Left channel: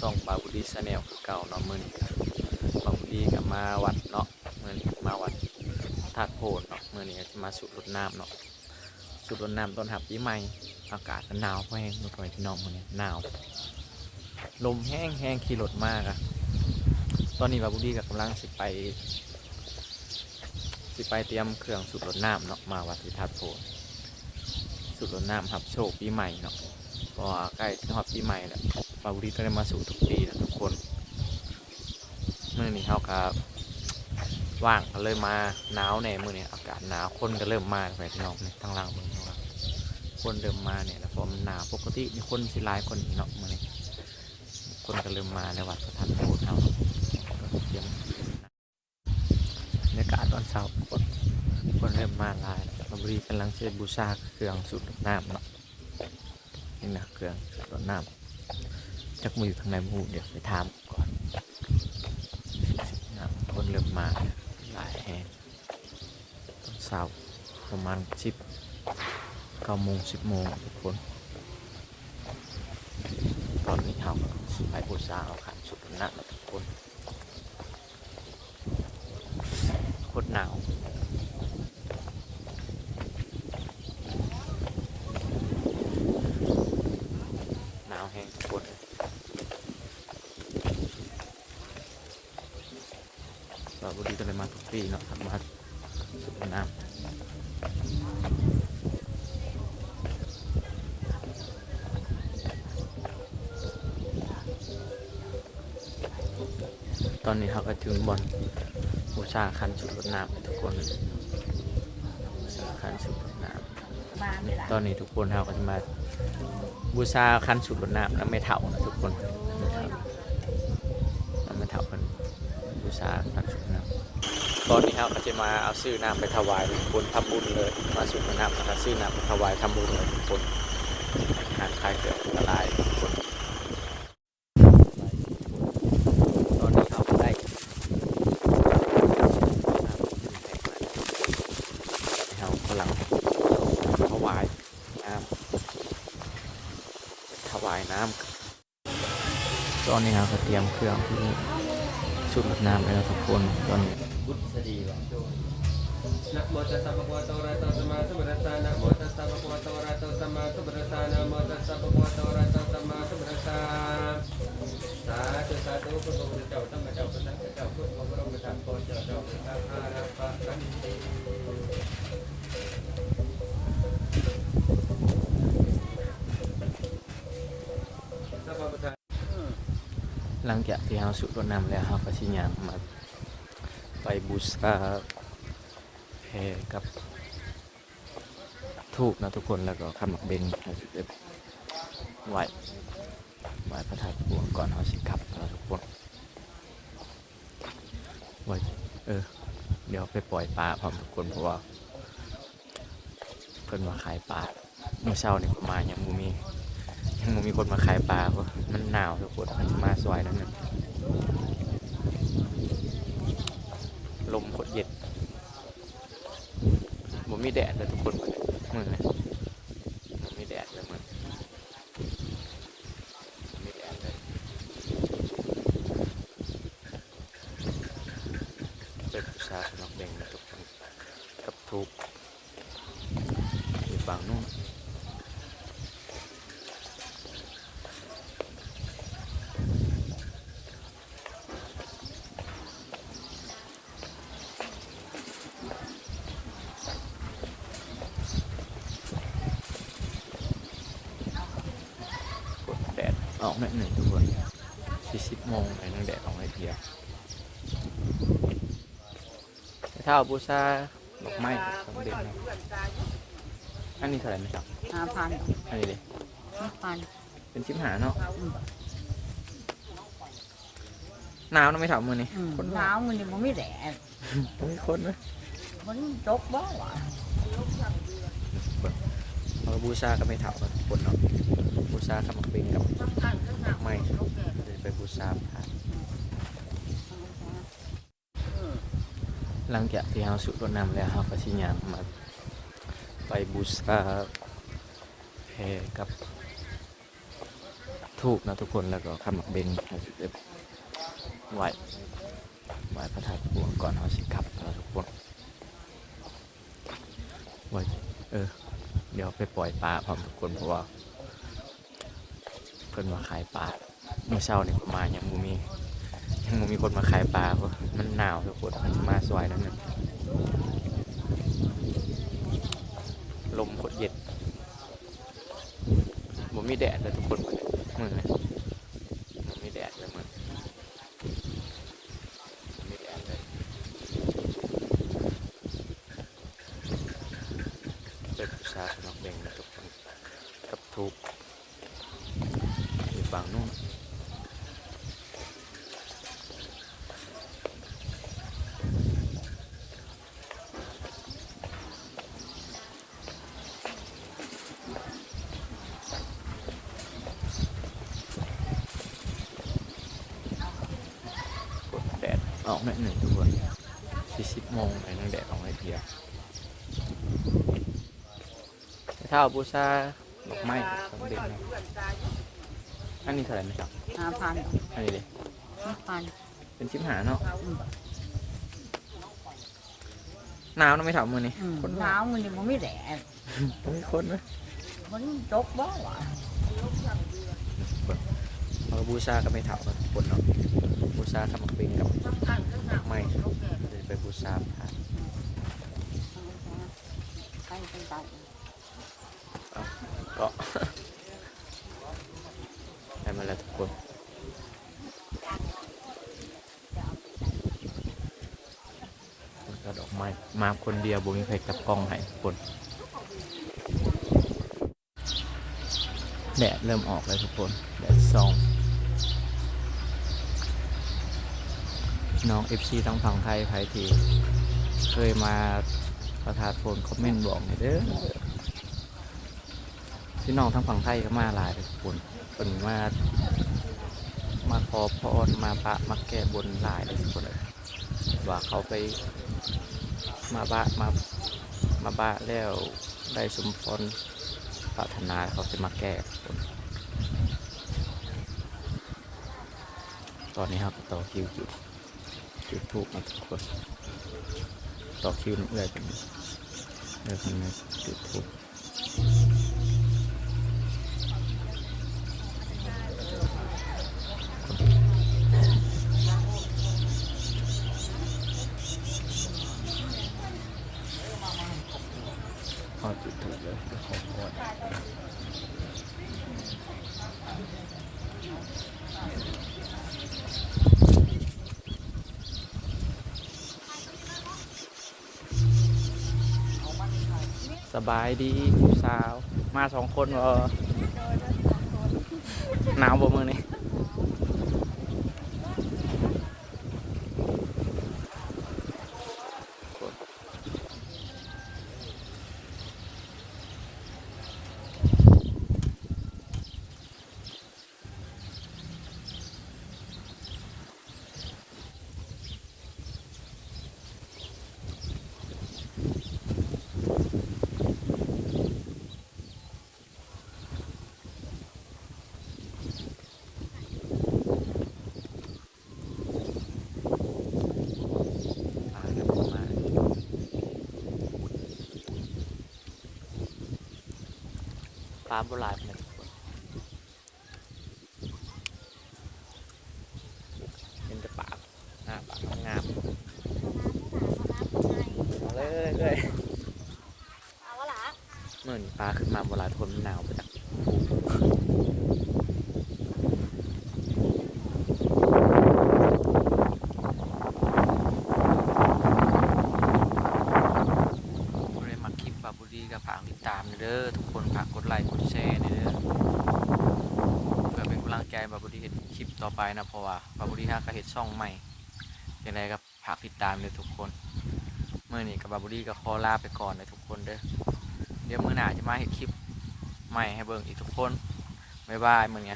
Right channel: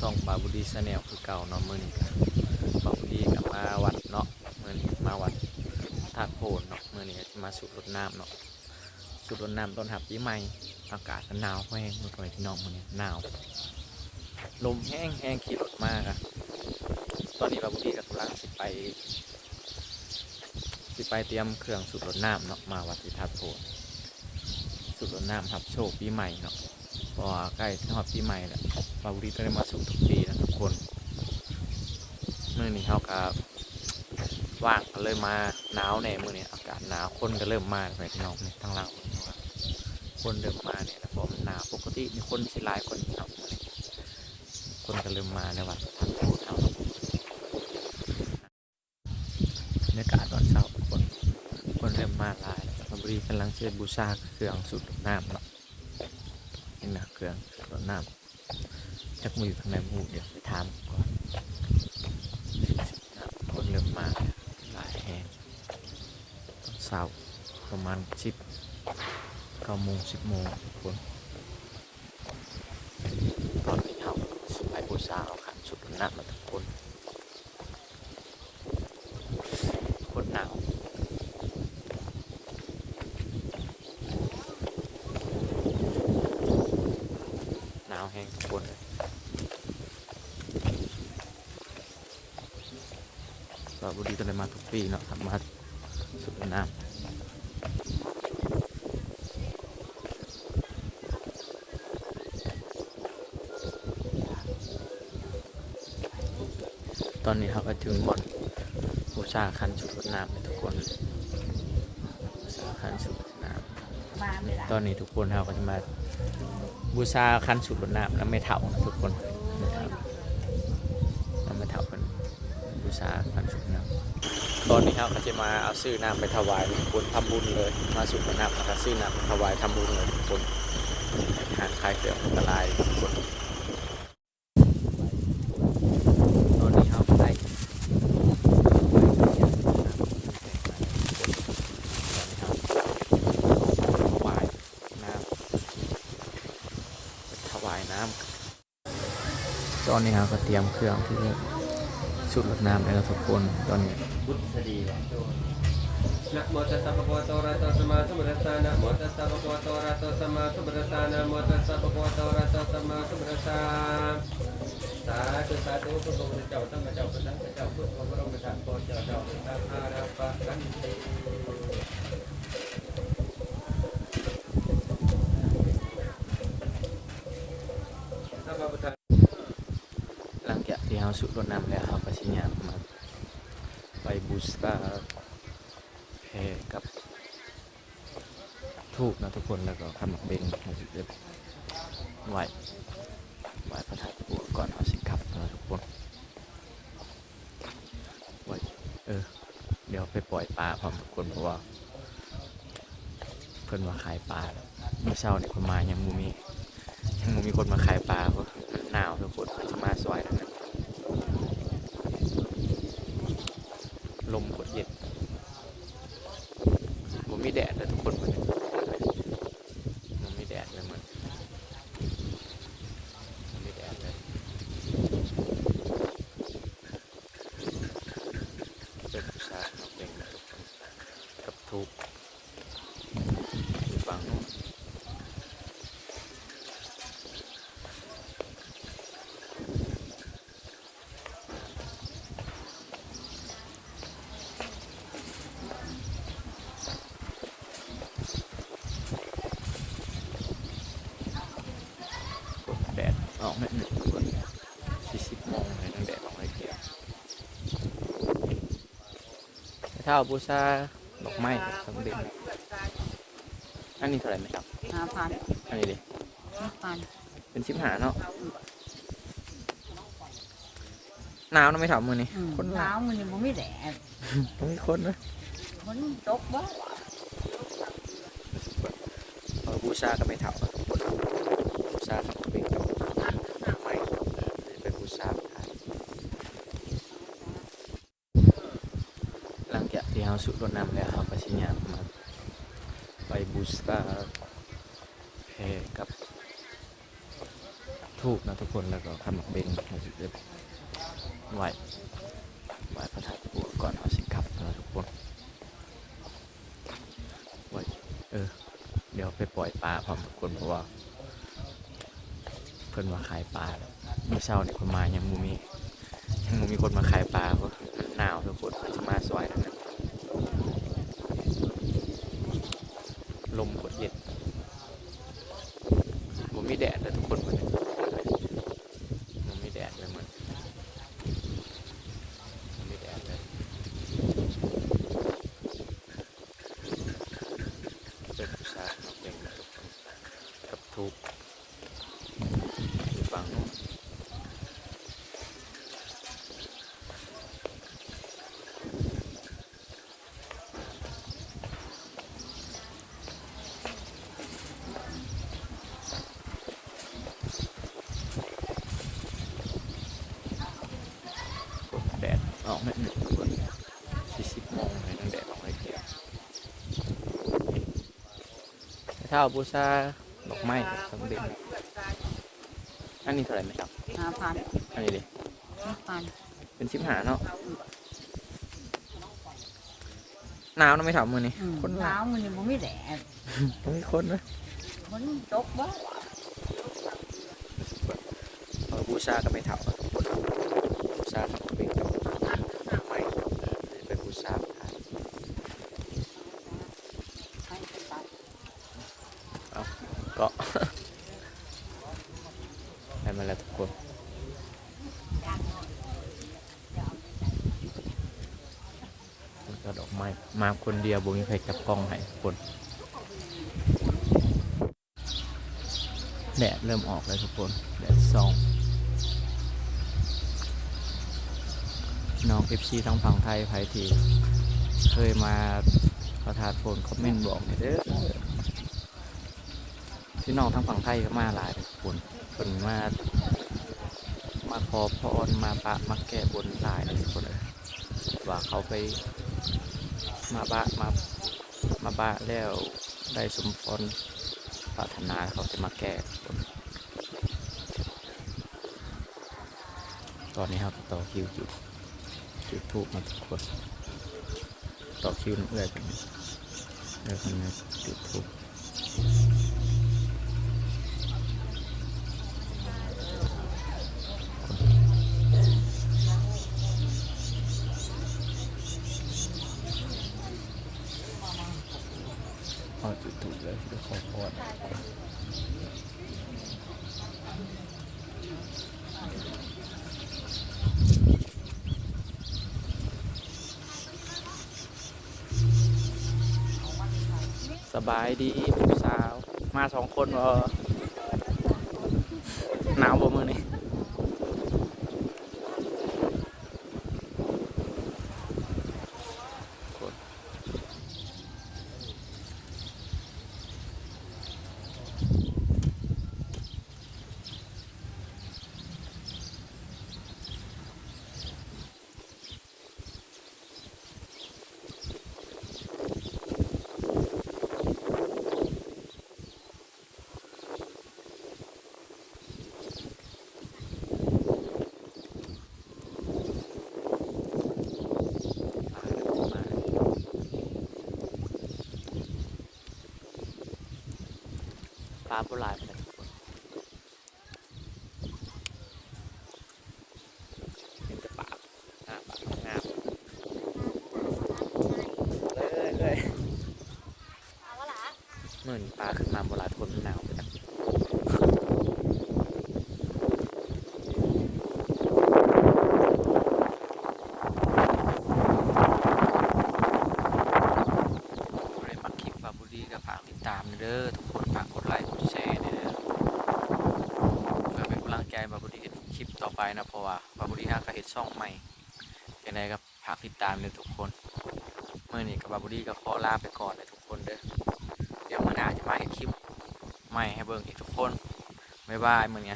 ซ่องบาบุดีชาแนลคือเก่าเนาะมือนี้ก็บาบุดีกับมาวัดเนาะมือนี้มาวัดธาตุโพนเนาะมือนี้จะมาสูดรดน้ำเนาะสูดรดน้ำต้นหับปีใหม่อากาศหนาวแห้งทุกคนพี่น้องมือนี้หนาวลมแห้งแห้งขี่รถมากอะตอนนี้บาบุดีกับกำลังสิไป สิไปเตรียมเครื่องสูดรดน้ำเนาะมาวัดที่ธาตุโพนสูดรดน้ำหับโชคปีใหม่เนาะพราะว่าใกล้ถึงฮอดปีใหม่แล้ว บาบุรีต้องได้มาสู่ทุกปีนะทุกคนเมื่อนี้เขาก็ว่างก็เลยมาหนาวแน่มื่อนี้อากาศหนาวคนก็เริ่มมาไปพี่น้องเนี่ยทางล่างเมืองว่าคนเริ่มมาเนี่ยแล้วพราะมันหนาวปกติมีคนสิลายคนพี่น้องมื่อนี้คนก็เริ่มมาในวัดประทันโพธิ์เฮาเตรียมบรรยากาศตอนเช้าคนคนเริ่มมาลายบาบุรีกำลังเชิญบูชาเครื่องสูบน้ำเนาะนี่นะเครื่องรดน้ำ จักมืออยู่ข้างในมูเดี๋ยวไปถามก่อนน้ำคนเริ่มมาหลายแห่งตอนเช้าประมาณสิบเก้าโมงสิบโมงทุกคนตอนนี้เขาไปบูชาเอาขันสุดหน้ำมาทุกคนโคตรหนาว หนาวแห้งทุกคนเรา บุรีก็เลยมาทุกปีเนาะทำมาสุดน้ำตอนนี้เขาก็ถึงบอลบูชาคันสุดน้ำทุกคนบูชาคันสุดน้ำตอนนี้ทุกคนเราก็จะมาบูชาคันสุดรดน้ำแล้วไม่เท่านะทุกคนแล้วไม่เท่าคนบูชาคันสุด ตอนนี้เราก็จะมาเอาซื้อน้ำไปถวายทุกคนทำบุญเลย มาสุดน้ำแล้วก็ซื้อน้ำไปถวายทำบุญเลยทุกคนอาหารคลายเกลืออันตรายทุกคนตอนนี้เราก็ได้เรากำลังถวายน้ำถวายน้ำตอนนี้เราก็เตรียมเครื่องที่สุดรดน้ำแล้วทุกคนตอนนี้ บุตรดีว่ะนะโมตัสสะภะคะวะโตอะระหะโตสัมมาสัมพุทธัสสะนะโมตัสสะภะคะวะโตอะระหะโตสัมมาสัมพุทธัสสะนะโมตัสสะภะคะวะโตอะระหะโตสัมมาสัมพุทธัสสะสาธุสาธุพระพุทธเจ้าธรรมเจ้าพระสังฆเจ้าพุทธองค์พระองค์ประธานพรเจ้าเจ้าพระอาราปะกันติสัพพะพุทธหลังจากที่เราสุดรดน้ำแล้วเราก็ชิญางมา ไปบูชาแพรกับทูบนะทุกคนแล้วก็ขมักเบงเราสิจะไหวไหวพระธาตุพนก่อนเราสิกลับนะทุกคนไหวเออ เดี๋ยวไปปล่อยปลาพร้อมทุกคนเพราะว่า เพิ่นมาขายปลาเมื่อเช้าเนี่ยคนมายังมูมียังบ่มีคนมาขายปลาเพราะมันหนาวทุกคนมันจะมาซอยนั้นนะลมกดเย็นผมมีแดดเลยทุกคนมันมันมีแดดเลยมันมันมีแดดเลย เป็นผู้ชายนอกเบ่งนะทุกคนกับทุกอยู่ฝั่งนู้นแดดออกแม่หนึ่งตัวสี่สิบโมงเลยทั้งแดดออกเลยเดียว เท่าบูชาดอกไม้ของเด็กนะอันนี้เท่าไหร่ไหมครับห้าพันอันนี้ดิห้าพันเป็นชิบหาเนาะหนาวนะไม่ถามมือนี่อืมคนหนาวมันยังไม่แดดคนคนไหมมันตกบ่วะเอาบูชาก็ไม่เท่านะทุกคนบูชาครับเป็นกับไม้เป็นบูชา หลัง จากที่เราสุดรดน้ำแล้วเราก็ชิญางมาไปบูชาแพรกับทูบนะทุกคนแล้วก็ขมักเบงเราสิได้ไหวไหวพระธาตุปูนก่อนเราสิกลับนะทุกคนไหวเออ เดี๋ยวไปปล่อยปลาพร้อมทุกคนเพราะว่าเพิ่นมาขายปลาเมื่อเช้าเนี่ยคนมายังมูมี ยังมีคนมาขายปลาเพราะมันหนาวทุกคนมันจะมาสวยนั่นนะลมกดเย็นผมมีแดดเลยทุกคนมันมันมีแดดเลยมันผมันมีแดดเลยเป็นผู้ชายนอกเบ่งนะทุกคนกับทุกอยู่ฝั่งนู้น กดแดด ออกไม่หนึ่งตัวสี่สิบโมงเลยนั่งแดดออกให้เดียวถ้าเอาบูชาดอกไม้ของเด็กนะอันนี้เท่าไหร่ไหมครับห้าพันอันนี้ดิห้าพันเป็นชิบหาเนาะหนาวนะไม่ถามมือนี่อืมคนหนาวมันนี่มันไม่แดดคนคนนะมันตกบ่หวานเอาบูชาก็ไม่ถามคนเราบูชาทำเป็นกับไม้ เป็นบูชาเป็นตับก็ได้มาแล้วทุกคนก็ดอกไม้มาคนเดียวบุมีใครจับกล้องให้ทุกคนแดดเริ่มออกแล้วทุกคนแดดซอง น้อง FC ทั้งฝั่งไทยไพทีเคยมาประทานโฟนคอมเมนต์บอกหน่อยเด้อพี่น้องทั้งฝั่งไทยก็มาหลายเลยคนคนมา มาขอพรมาปะมาแก้บนหลายเลยคนเลยว่าเขาไปมาบะมามาบะแล้วได้สมพรปรารถนาเขาจะมาแก้คนตอนนี้ครับต่อคิวจุด จุดทูบมาทุกคนต่อคิวน้ำเอื้อยกันอยู่เอื้อยคนนี้จุดทูบเอจุดถูกเลยเพื่อขอพรส บายดีผู้สาว มาสองคนเออหนาวบ่มือนี่ ปลาโบราณนะทุกคน เห็นแต่ปากหน้าปากงามเลยเลยเลยเมื่อนี้ปลาขึ้นมาเวลาทนมันหนาวไปจ้ะบ่ได้มาคลิปบาบุรีกับฝากติดตามเด้อทุกคนฝากกด ไลค์กดแชร์เด้อเพื่อเป็นกำลังใจบาบุรีเห็นคลิปต่อไปนะเพราะว่าบาบุรีฮาก็เห็นช่องใหม่ยังไงก็ฝากติดตามเลยทุกคนเมื่อนี้กับบาบุรีก็ขอลาไปก่อนเลยทุกคนเด้อเดี๋ยวเมื่อหน้าจะมาเห็นคลิปใหม่ให้เบิ่งอีกทุกคนบ๊ายบายเหมือนไง